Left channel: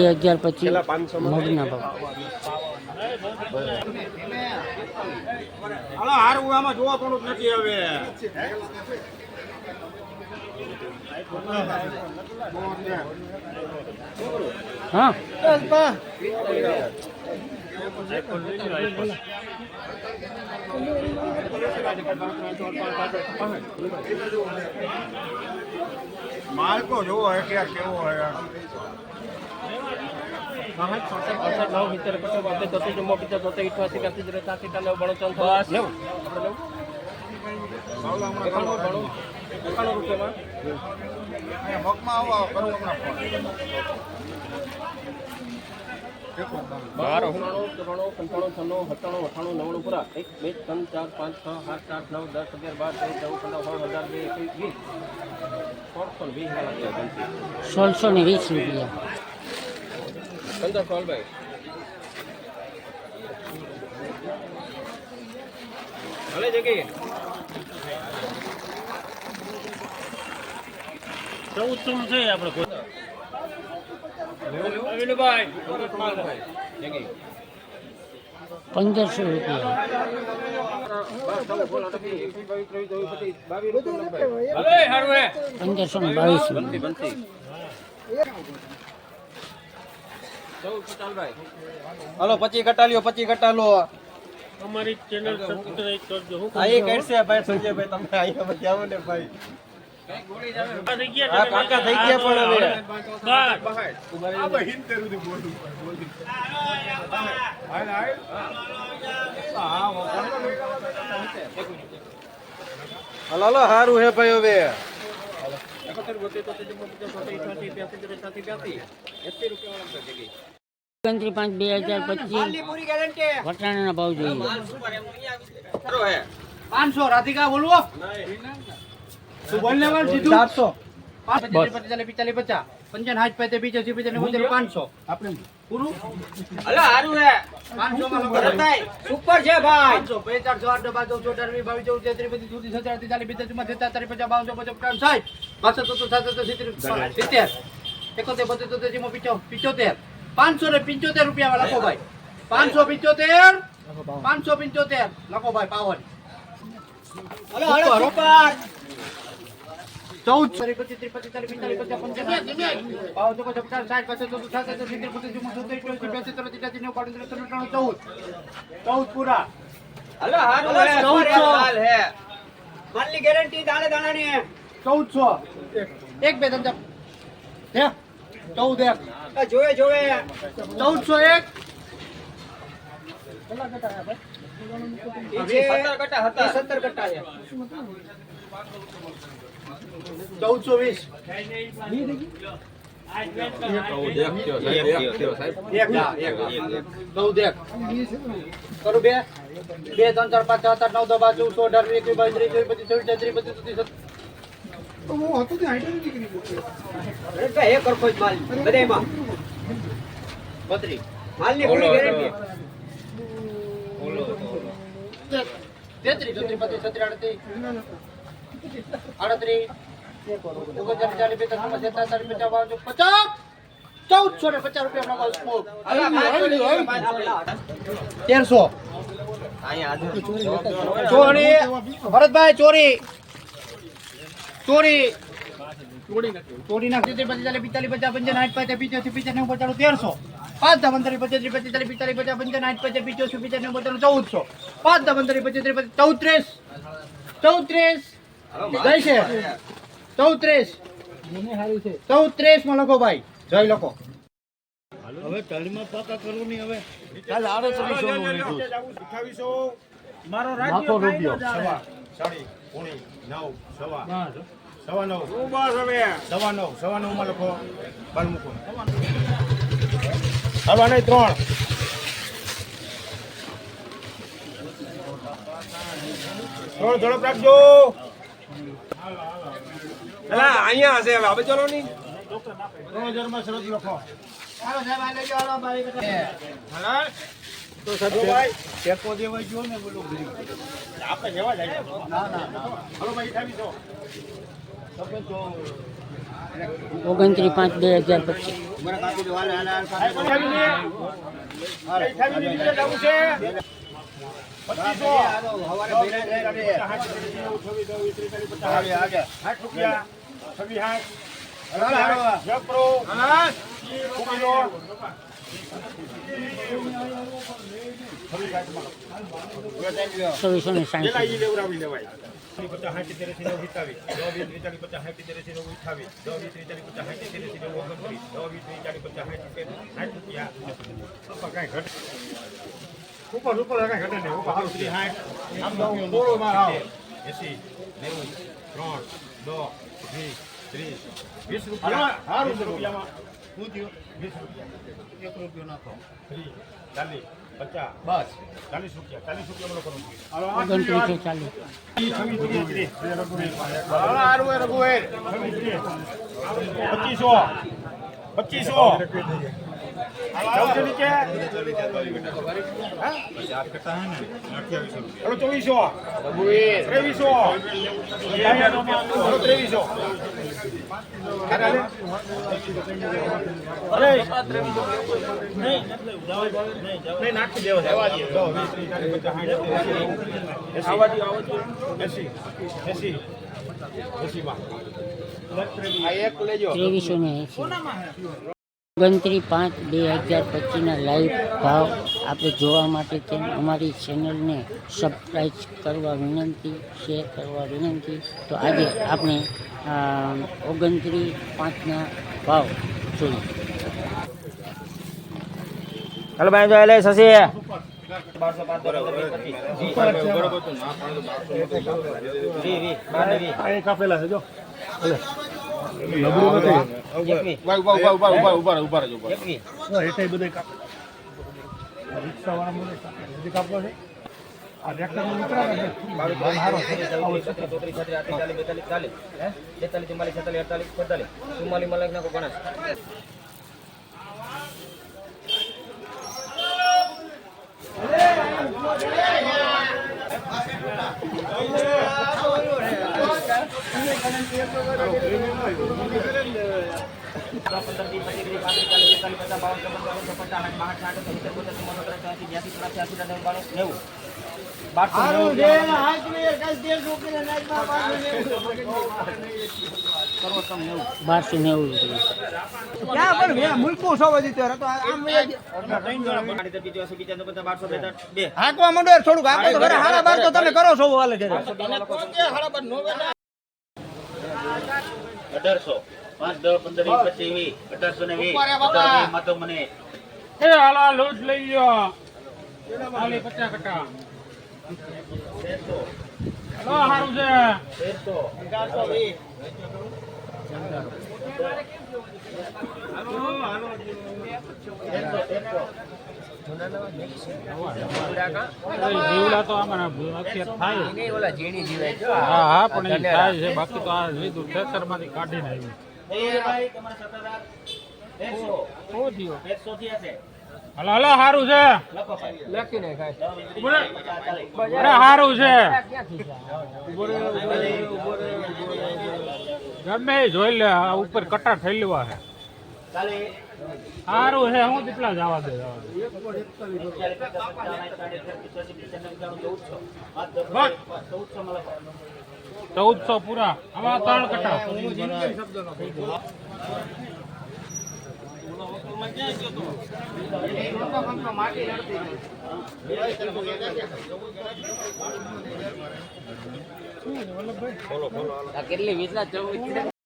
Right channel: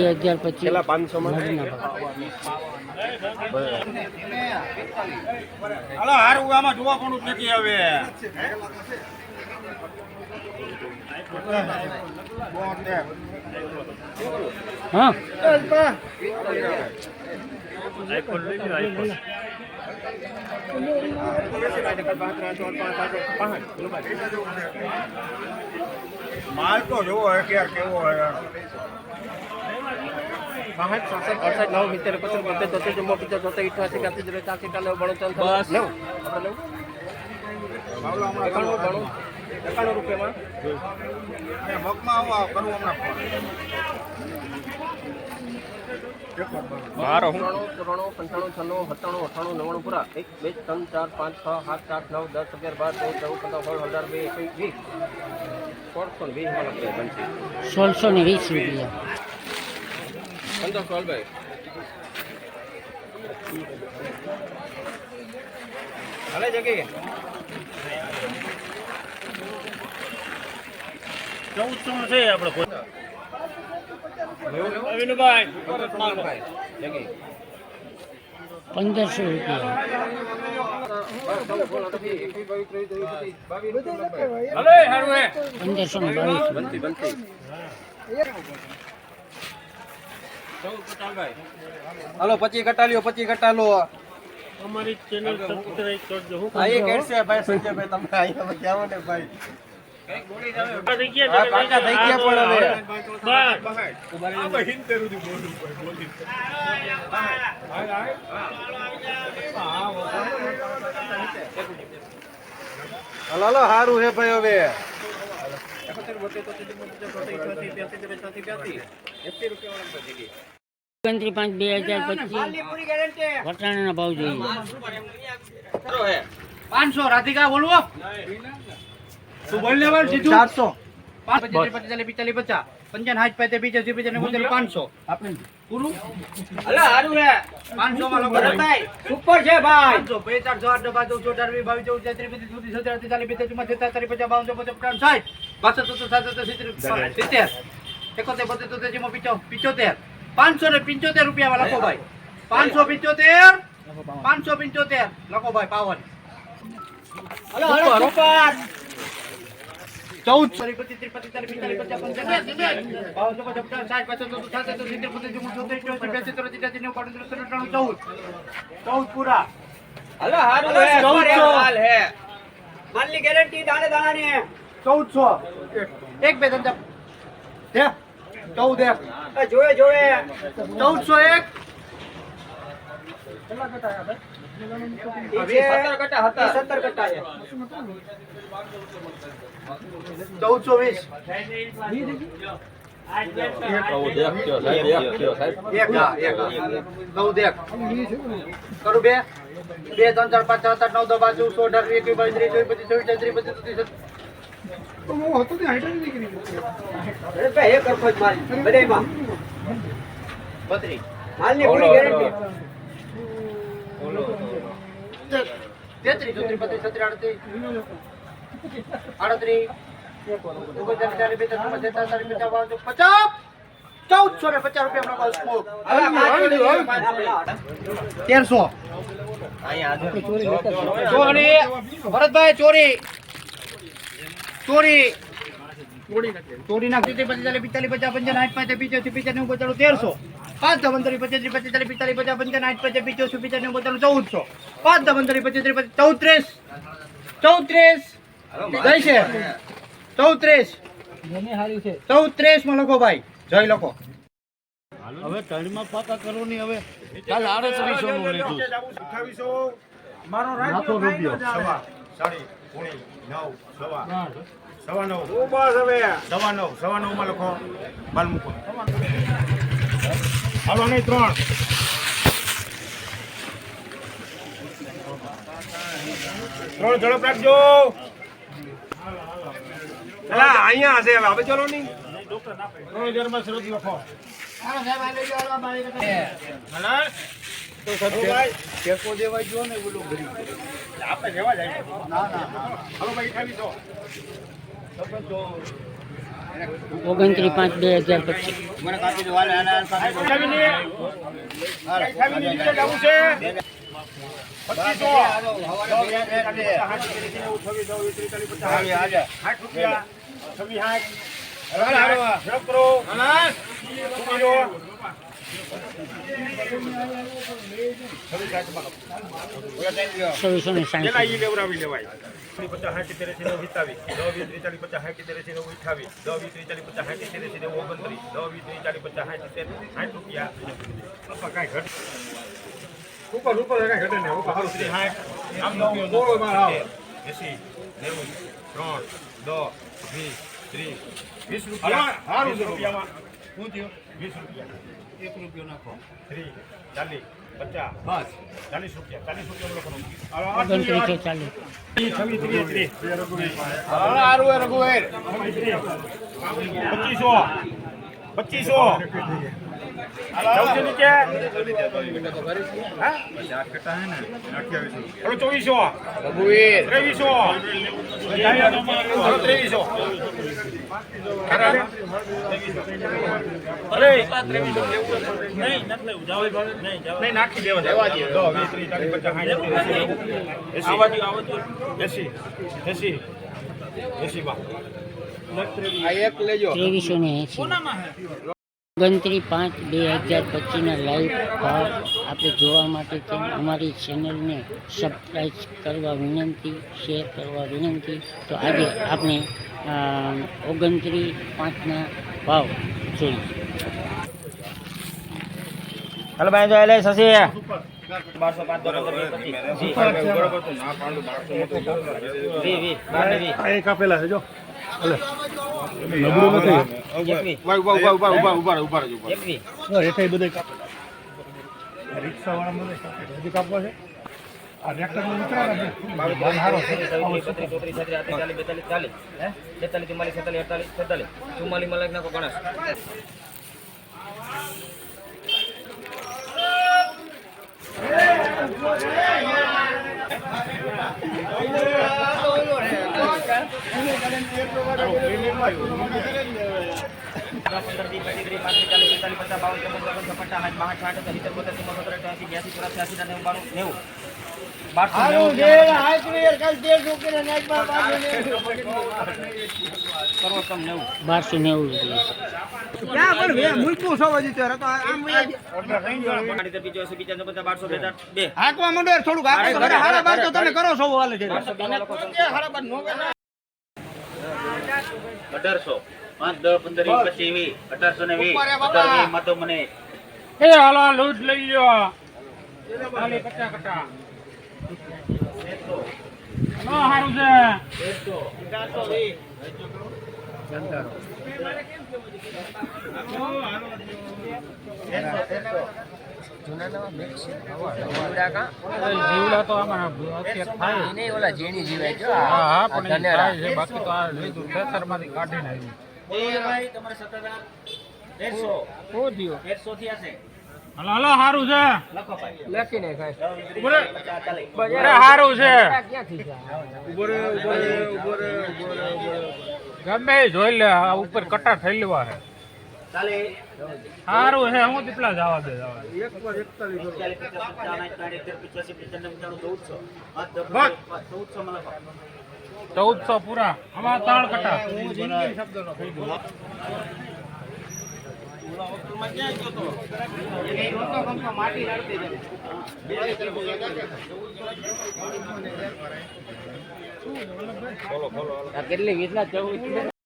2025 મગના ભાવ જોવા પણ નથી હવે હા માલ તો જોવો યાર કેવો યાર 1620 રૂપિયા હાલે જગી 1400 છે આપણે 1500 રૂપિયા હાલે હારું હે 1522 હાલો 25 ઘટાલ્યો 25 ઘટાલો અમારી ચેનલ સબસ્ક્રાઇબ કરજો હું આઈ કેસે ભાઈ સંજયભાઈ તમે અહીંયા જાવ ને ભાઈ કાકા થઈ ગયા પણ હવે હાલો હારું હે ભાઈ હવે 5/2025 વટાણાના ભાવ જોઈએ 500 રાધિકા બોલવો તું બોલ ને બોલ સીધું 400 55 પૈતે 500 આપણે પૂરું અલા હારું હે 500 માં લોકો થાય સુપર છે ભાઈ 500 400 8 12 14 22 23 24 25 27 575 રૂપિયા લખો ભાઈ 575 લખો ભાઈ પાવન पूरा मालनी गारंटी दाने दाना नहीं है 1400 एक बेदन जब 14 जोड़े जोड़े 1401 अभी 17 कट्टा है ભરતભાઈ ચોરી ચોરી ચોરી નાખતી 45 50 55 60 50 55 95 1300 5 15 25 45 50 55 60 50 55 1400 5 15 25 34 જય છે 34 માં લખો ભાઈ જય લખો હવે કાલમાં પાકા કરો ની હવે કાલ 3800 નું લીધું 2800 મારો રાખો રૂપિયો સવા સાડી પોણી 9 સવા 9 બસ હવે સવા 9 માં લખો બાલ મૂકો હાલવા નહીં 3 ઝડપ રાખજો અહીંયા હશે હવે ચલો નહીં 3000 માં શરત લખો હાલો સાહેબ આ લેજો હાલો મારી હાલો તો સદુભાઈ કેતો દેવા જો ને બોલો આપણે જવા જાય ના હાલો ભાઈ 2800 29/5/2025 મને કાપી દો વાલે આના કાપી દો. નીચે જવું છે 23/5/2025 લાઈવ ભાવ આપણે જોવા માટે અમારી ચેનલને સબસ્ક્રાઈબ કરવા વિનંતી, શેર કરવા વિનંતી. તો આજે આપણે 29/5 ભાવ જોઈએ. હાલો ભાઈ જો લે સસી 1205 કાપેલા છે જો રિક્ષા વાળા મને કાપવા છે આ ટ્રેક્ટર માં જીવડા તો ઓલા ઝીણી જીવે છે. હા પણ એ થાય છે, બાકી તો આ લીધું ખેતરમાંથી કાઢીને આવ્યું. તમારે 17,100 હલો હલો સારું છે લેખીને ખાય સારું છે ક્યાંથી છે? ગમે એ જોઈ લે આ ઉપર કટા થઈ લેવા છે સારું છે હું દીપલા જવા દે 1400 પૂરા આમાં 3 કટા કેટલી 20 14